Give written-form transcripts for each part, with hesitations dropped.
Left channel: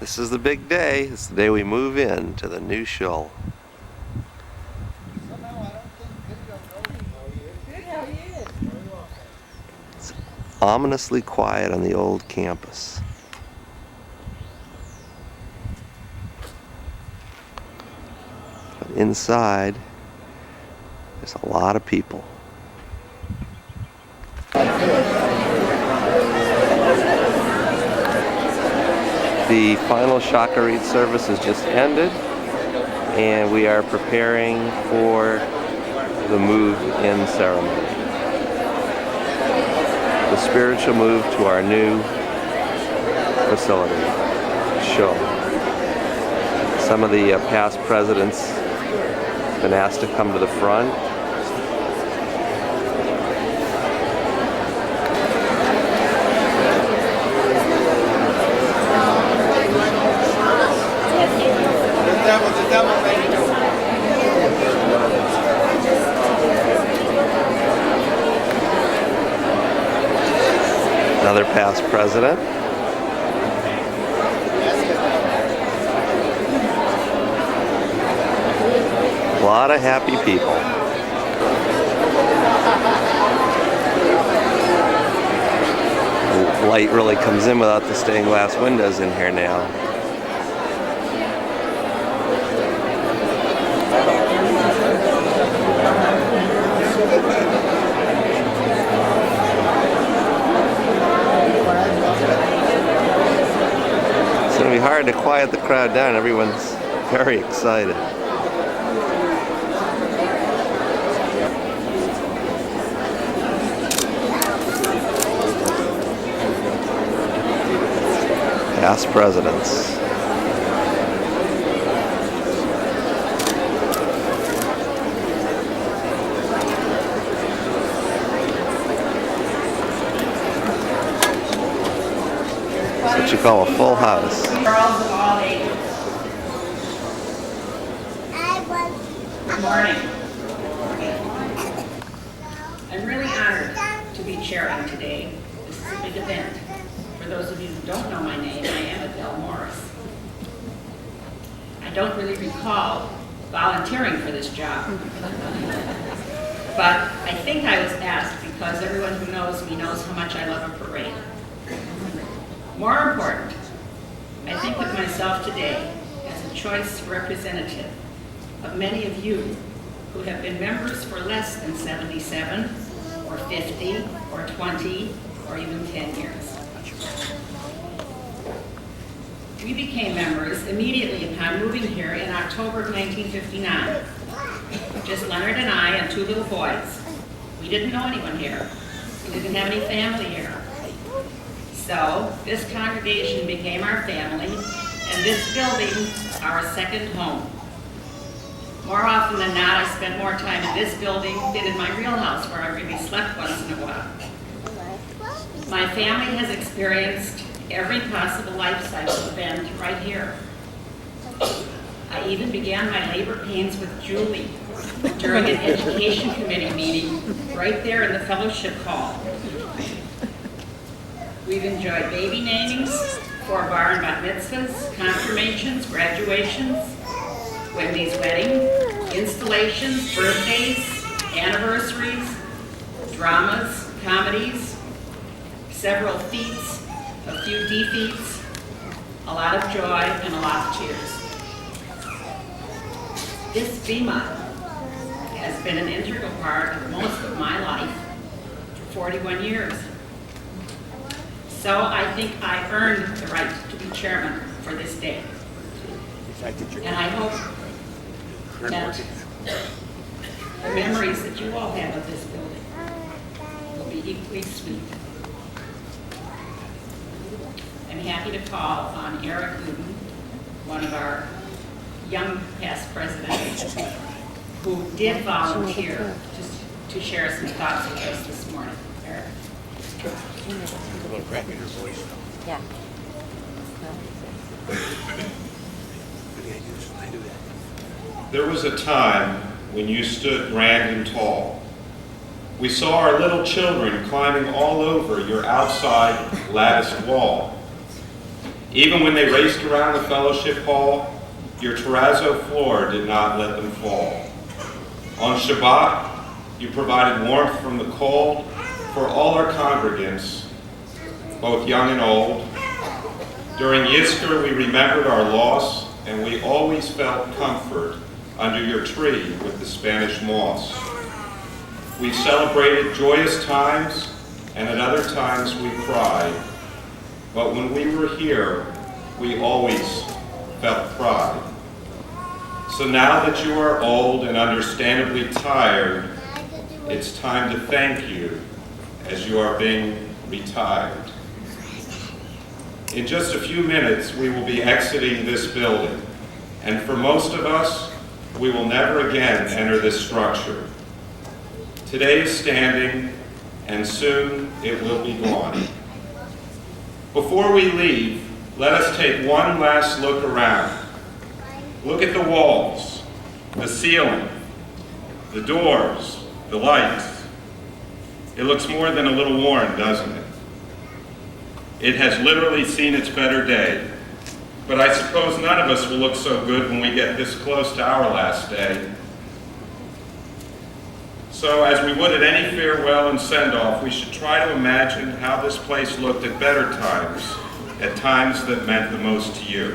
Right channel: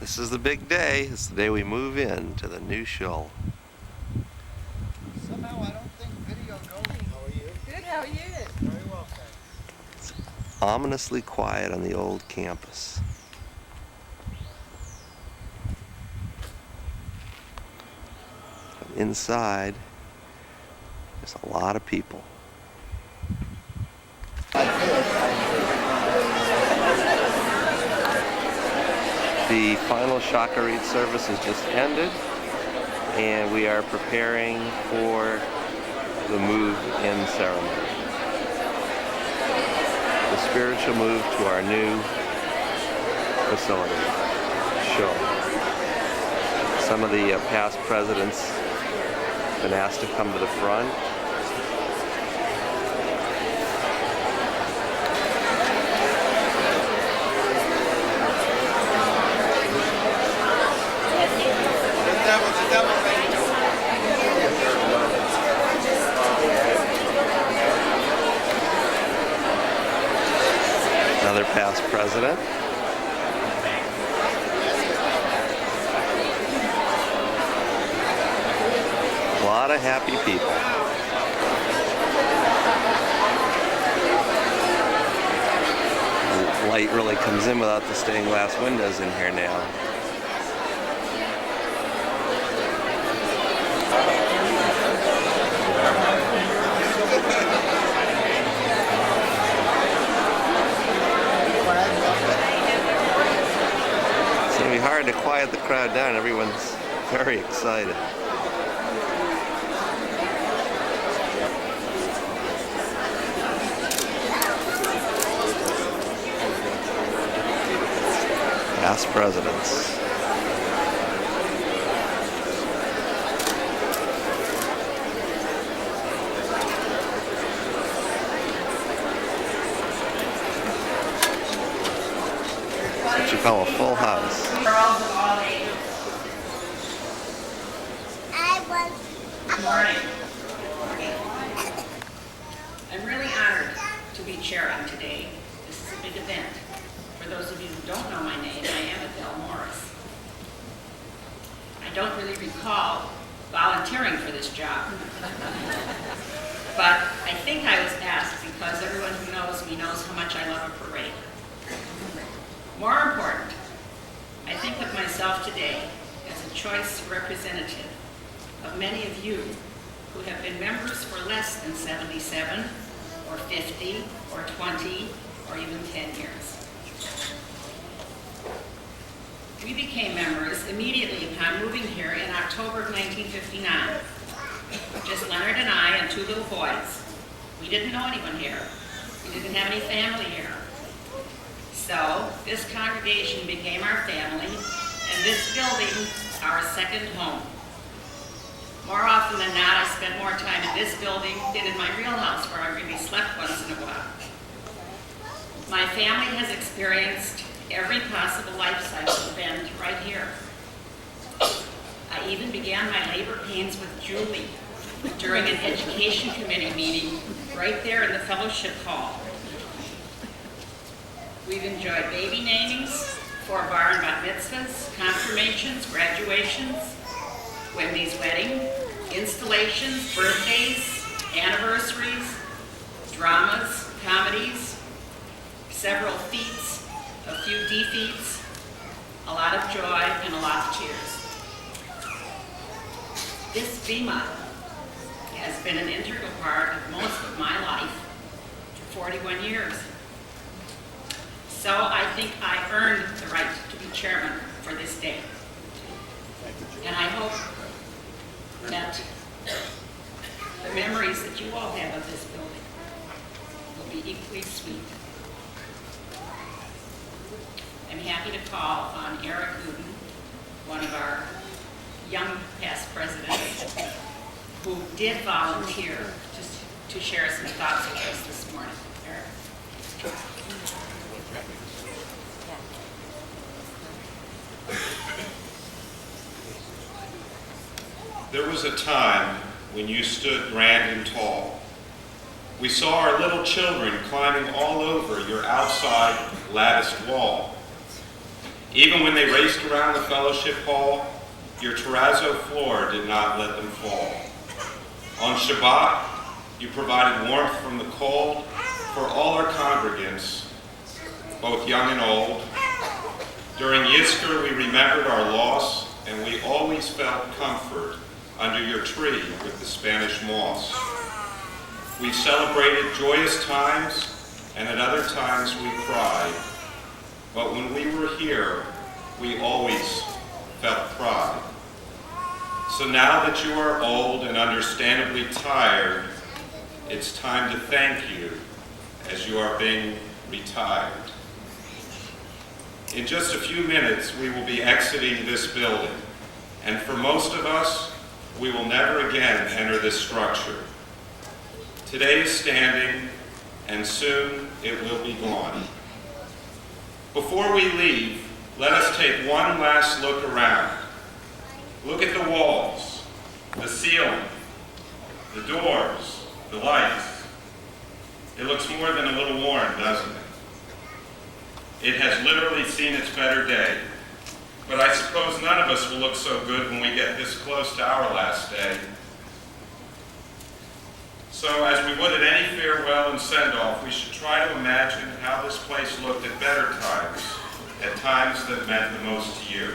This is the big day. It's the day we move in to the new shul. Somehow I don't think video goes. How are you? Good, how are you? Very well, thanks. It's ominously quiet on the old campus. But inside, there's a lot of people. The final Shacharit service has just ended, and we are preparing for the move-in ceremony. The spiritual move to our new facility, shul. Some of the past presidents have been asked to come to the front. Another past president. A lot of happy people. The light really comes in without the stained glass windows in here now. Hard to quiet the crowd down. Everyone's very excited. Past presidents. What you call a full house. Girls of all ages. Good morning. I'm really honored to be chairing today. This is a big event. For those of you who don't know my name, I am Adele Morris. I don't really recall volunteering for this job. But I think I was asked because everyone who knows me knows how much I love a parade. More important, I think of myself today as a choice representative of many of you who have been members for less than 77, or 50, or 20, or even 10 years. We became members immediately upon moving here in October of 1959. Just Leonard and I and two little boys. We didn't know anyone here. We didn't have any family here. So, this congregation became our family, and this building our second home. More often than not, I spent more time in this building than in my real house, where I really slept once in a while. My family has experienced every possible life cycle event right here. I even began my labor pains with Julie during an education committee meeting right there in the fellowship hall. We've enjoyed baby namings, 4 bar and bat mitzvahs, confirmations, graduations, Wendy's wedding, installations, birthdays, anniversaries, dramas, comedies, several feats, a few defeats, a lot of joy, and a lot of tears. This bima has been an integral part of most of my life for 41 years. So I think I earned the right to be chairman for this day. And I hope that the memories that you all have of this building will be equally sweet. I'm happy to call on Eric Ludin, one of our young past presidents, who did volunteer to share some thoughts with us this morning. Eric. Yeah. There was a time when you stood grand and tall. We saw our little children climbing all over your outside latticed wall. Even when they raced around the fellowship hall, your terrazzo floor did not let them fall. On Shabbat, you provided warmth from the cold for all our congregants, both young and old. During Yizkor, we remembered our loss, and we always felt comfort under your tree with the Spanish moss. We celebrated joyous times, and at other times we cried. But when we were here, we always felt pride. So now that you are old and understandably tired, it's time to thank you as you are being retired. In just a few minutes, we will be exiting this building, and for most of us, we will never again enter this structure. Today is standing, and soon it will be gone. Before we leave, let us take one last look around. Look at the walls, the ceiling, the doors, the lights. It looks more than a little worn, doesn't it? It has literally seen its better day. But I suppose none of us will look so good when we get this close to our last day. So as we would at any farewell and send-off, we should try to imagine how this place looked at better times, at times that meant the most to you.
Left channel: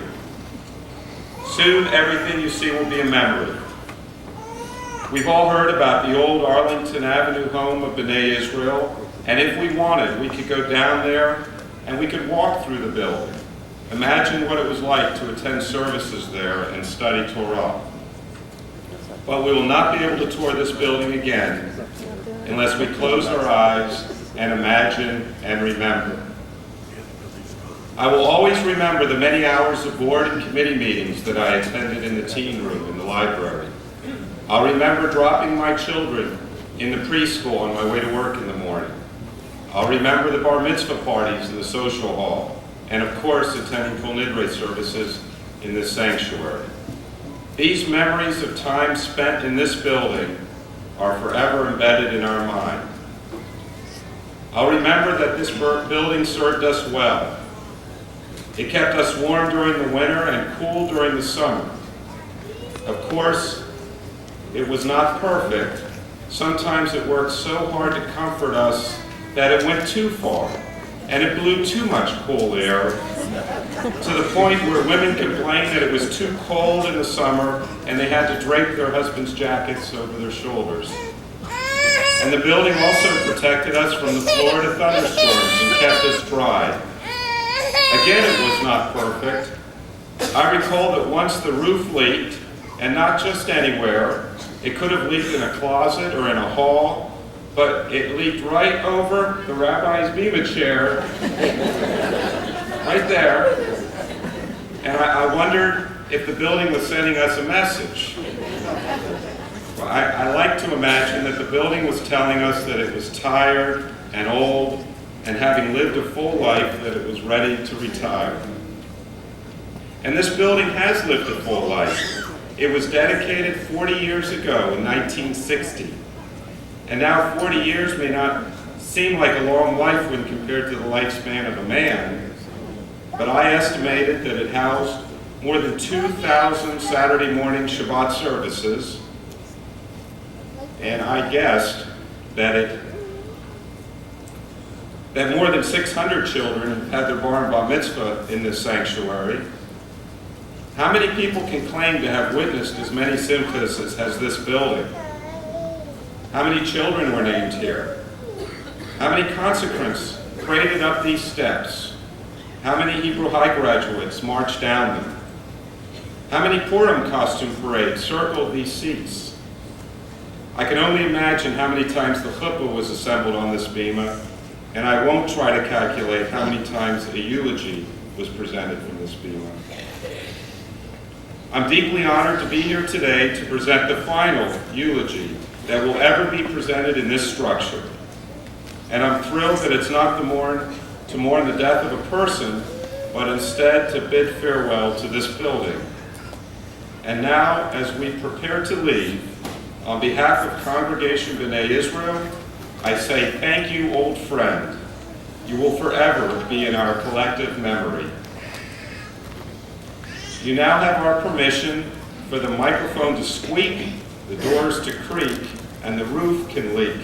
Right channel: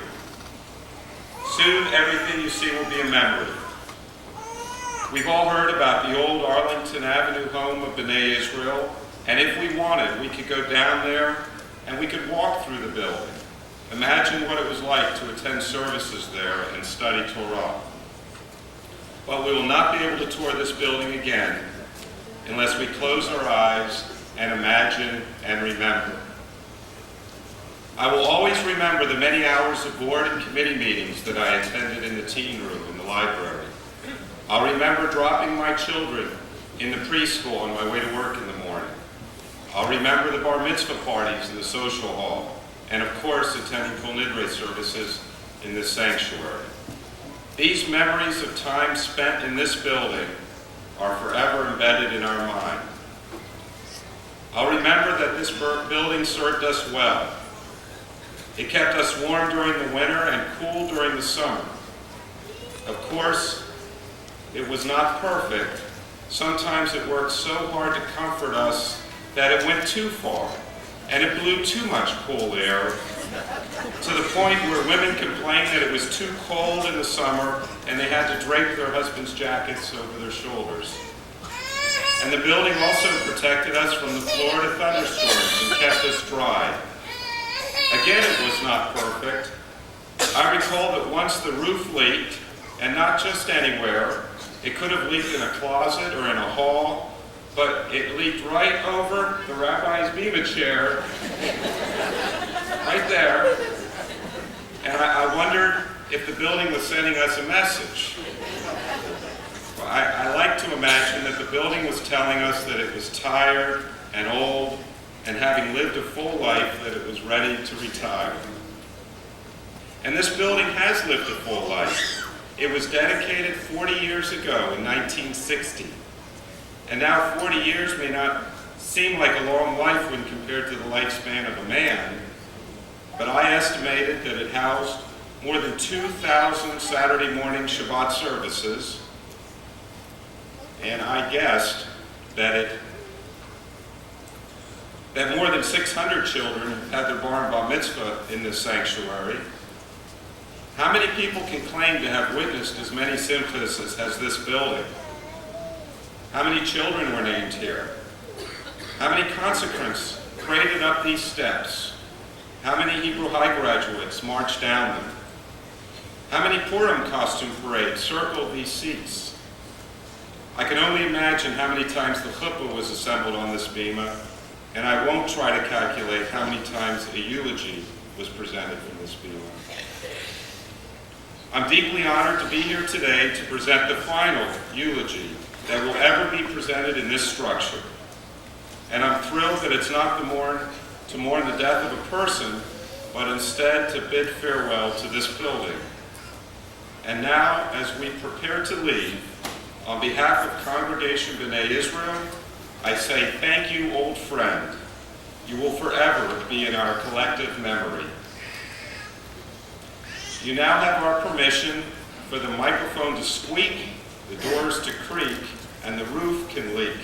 Soon, everything you see will be a memory. We've all heard about the old Arlington Avenue home of B'nai Israel, and if we wanted, we could go down there and we could walk through the building. Imagine what it was like to attend services there and study Torah. But we will not be able to tour this building again unless we close our eyes and imagine and remember. I will always remember the many hours of board and committee meetings that I attended in the teen room in the library. I'll remember dropping my children in the preschool on my way to work in the morning. I'll remember the bar mitzvah parties in the social hall, and of course attending Kol Nidre services in this sanctuary. These memories of time spent in this building are forever embedded in our mind. I'll remember that this building served us well. It kept us warm during the winter and cool during the summer. Of course, it was not perfect. Sometimes it worked so hard to comfort us that it went too far, and it blew too much cool air, to the point where women complained that it was too cold in the summer and they had to drape their husbands' jackets over their shoulders. And the building also protected us from the Florida thunderstorms and kept us dry. Again, it was not perfect. I recall that once the roof leaked, and not just anywhere. It could have leaked in a closet or in a hall, but it leaked right over the rabbi's bima chair, right there. And I wondered if the building was sending us a message. Well, I like to imagine that the building was telling us that it was tired and old, and having lived a full life, that it was ready to retire. And this building has lived a full life. It was dedicated 40 years ago in 1960. And now 40 years may not seem like a long life when compared to the lifespan of a man, but I estimated that it housed more than 2,000 Saturday morning Shabbat services, and I guessed that more than 600 children had their bar and bar mitzvah in this sanctuary. How many people can claim to have witnessed as many simchas as has this building? How many children were named here? How many consecrants paraded up these steps? How many Hebrew High graduates marched down them? How many Purim costume parades circled these seats? I can only imagine how many times the chuppah was assembled on this bima, and I won't try to calculate how many times a eulogy was presented from this bima. I'm deeply honored to be here today to present the final eulogy that will ever be presented in this structure. And I'm thrilled that it's not to mourn the death of a person, but instead to bid farewell to this building. And now, as we prepare to leave, on behalf of Congregation B'nai Israel, I say thank you, old friend. You will forever be in our collective memory. You now have our permission for the microphone to squeak, the doors to creak, and the roof can leak.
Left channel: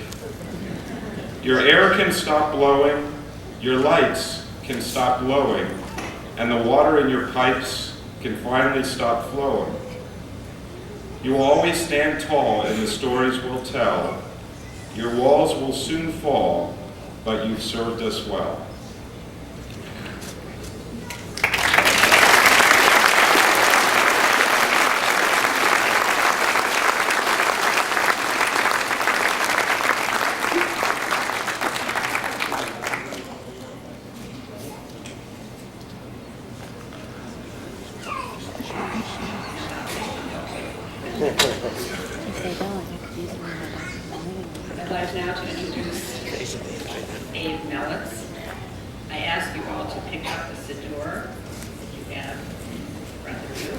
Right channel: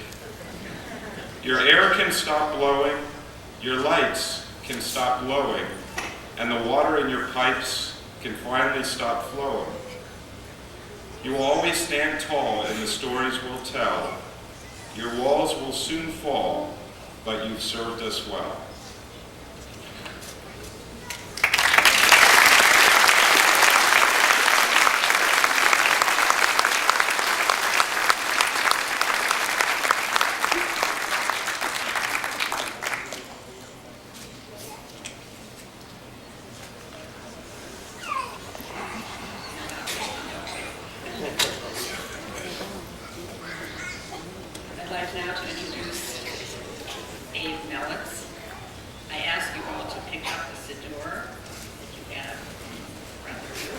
Your air can stop blowing, your lights can stop glowing, and the water in your pipes can finally stop flowing. You will always stand tall in the stories we'll tell. Your walls will soon fall, but you've served us well. I'd like now to introduce Abe Mellitz. I ask you all to pick up the siddur that you have in front of you.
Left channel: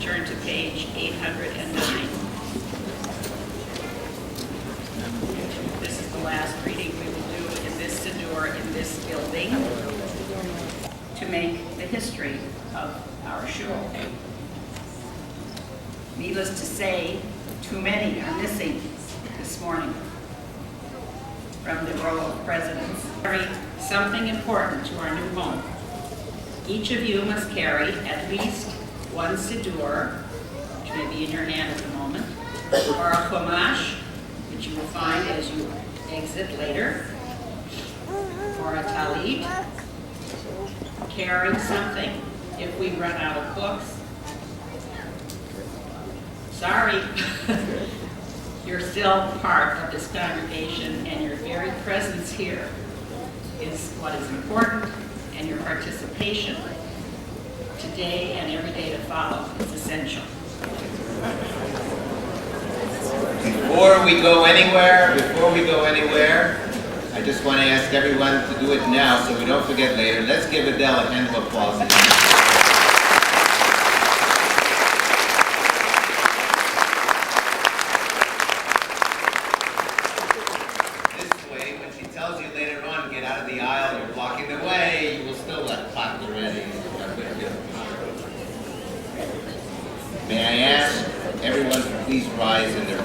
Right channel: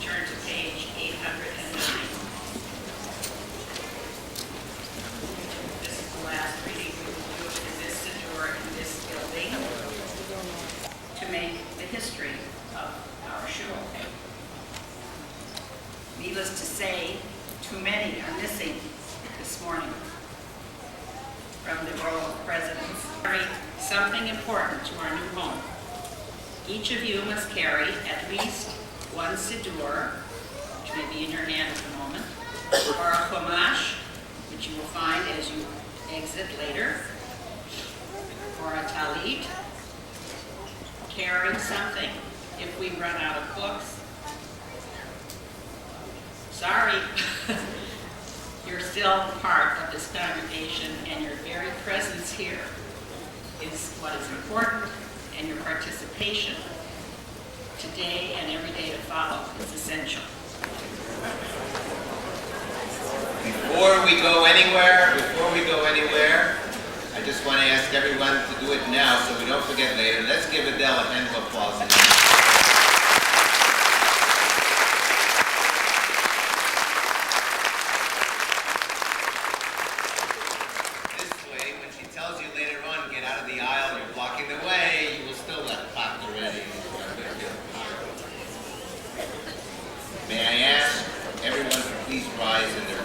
Turn to page 809. This is the last reading we will do in this siddur in this building to make the history of our shul. Needless to say, too many are missing this morning from the row of presidents. Carry something important to our new home. Each of you must carry at least one siddur, which may be in your hand at the moment, or a chumash, which you will find as you exit later, or a talit. Carry something if we run out of books. Sorry, you're still part of this congregation, and your very presence here is what is important, and your participation today and every day to follow is essential. Before we go anywhere, I just want to ask everyone to do it now so we don't forget later. Let's give Adele a hand of applause. May I ask everyone to please rise in their